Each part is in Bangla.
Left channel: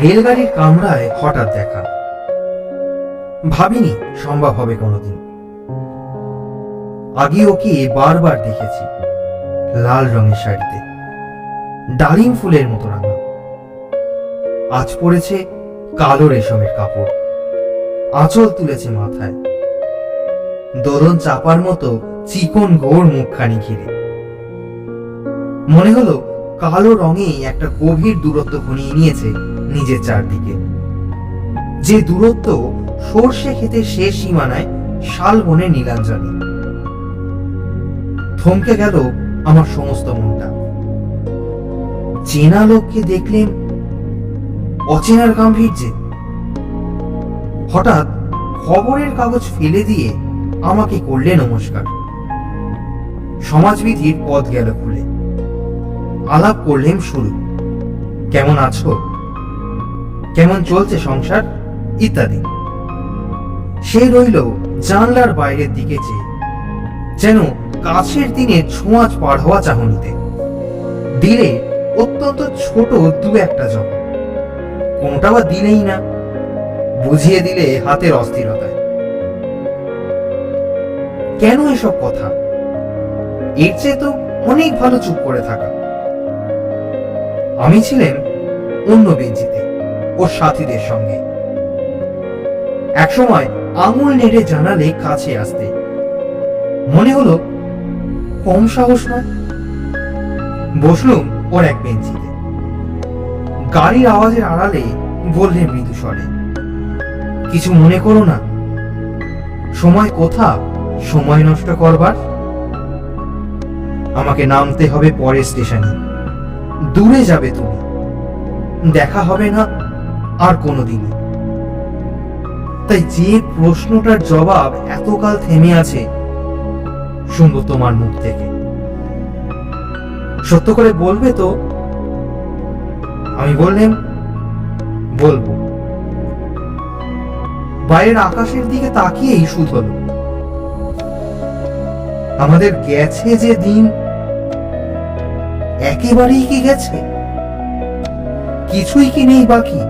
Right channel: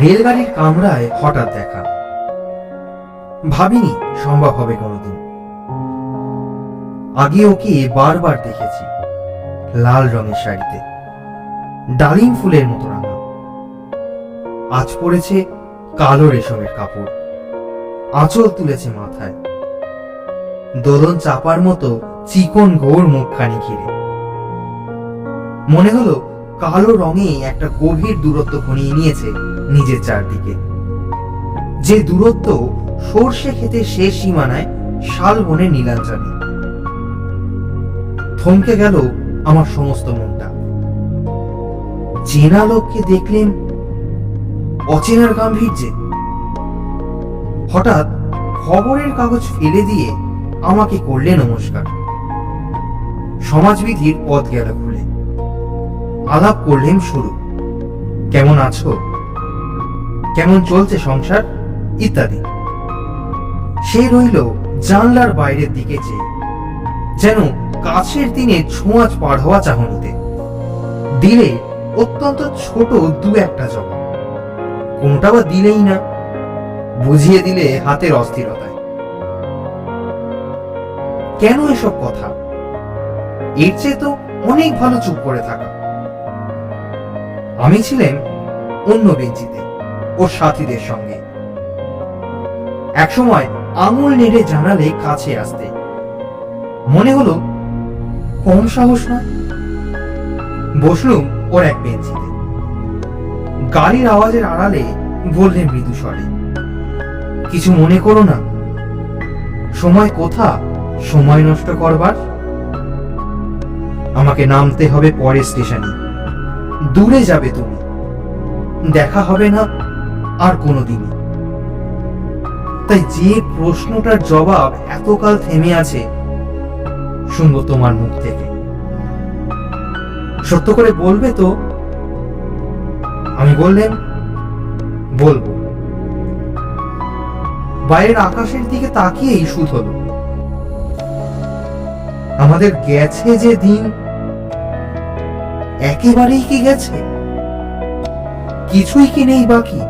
রেলগাড়ির কামরায় হঠাৎ দেখা, ভাবিনি সম্ভব হবে কোনোদিন। আগে ওকে বারবার দেখেছি, লাল রঙের শাড়িতে, ডালিম ফুলের মতো রাঙা। আজ পরেছে কালো রেশমের কাপড়, আঁচল তুলেছে মাথায়, দোলন চাপার মতো চিকন ঘোর মুখখানি ঘিরে। মনে হলো কালো রঙে একটা গভীর দূরত্ব ঘনিয়ে নিয়েছে নিজের চারদিকে, যে দূরত্ব সর্ষে খেতে শেষ সীমানায় শালবনের নীলাঞ্জনে। থমকে গেল আমার সমস্ত মনটা। চেনা লোককে দেখলেন অচেনার গাম্ভীর্যে। হঠাৎ খবরের কাগজ ফেলে দিয়ে আমাকে করলে নমস্কার। সমাজবিধির পথ গেল খুলে। আলাপ করলেন শুরু, কেমন আছো, কেমন চলছে সংসার ইত্যাদি। সে রইল জানলার বাইরের দিকে চেয়ে, যেন কাছের দিনে ছোঁয়াচ পার হওয়া চাহনিতে। দিলে অত্যন্ত ছোট দু একটা জবাব, কোনটা বা দিলেই না, বুঝিয়ে দিলে হাতের অস্থিরতায়। কেন এসব কথা? এর চেয়ে তো অনেক ভালো চুপ করে থাকা। আমি ছিলাম অন্য বেঞ্চিতে ওর সাথীদের সঙ্গে। একসময় আঙুল নেড়ে জানালে কাছে আসতে, মনে হলো কম সাহস নয়। বসলুম ওর এক বেঞ্চিতে। গাড়ির আওয়াজের আড়ালে বললে মৃদু স্বরে, কিছু মনে করো না, সময় কোথা সময় নষ্ট করবার। আমাকে নামতে হবে পরের স্টেশনে, দূরে যাবে তুমি, দেখা হবে না আর কোনোদিনই। তাই যে প্রশ্নটার জবাব এতকাল থেমে আছে, শুনবো তোমার মুখ থেকে। সত্য করে বলবে তো? আমি বললাম, বলবো। বাইরের আকাশের দিকে তাকিয়েই শুধ হলো। আমাদের গেছে যে দিন, একেবারেই কি গেছে? কিছুই কি নেই বাকি?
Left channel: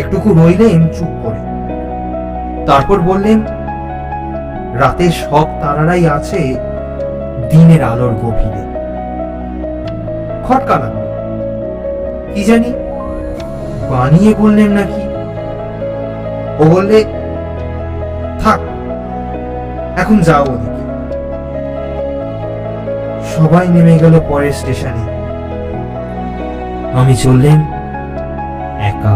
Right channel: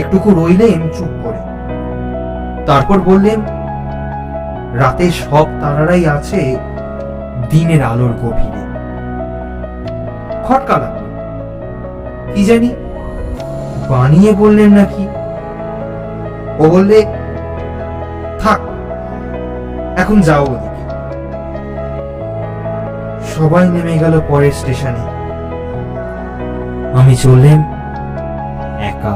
একটুকু রইলেন চুপ করে, তারপর বললেন, রাতের সব তারারাই আছে দিনের আলোর গভীরে। খটকা লাগলো, কি জানি বানিয়ে বললেন নাকি। ও বললে, থাক এখন যাও ওদিকে। সবাই নেমে গেল পরের স্টেশনে, আমি চললেন একা।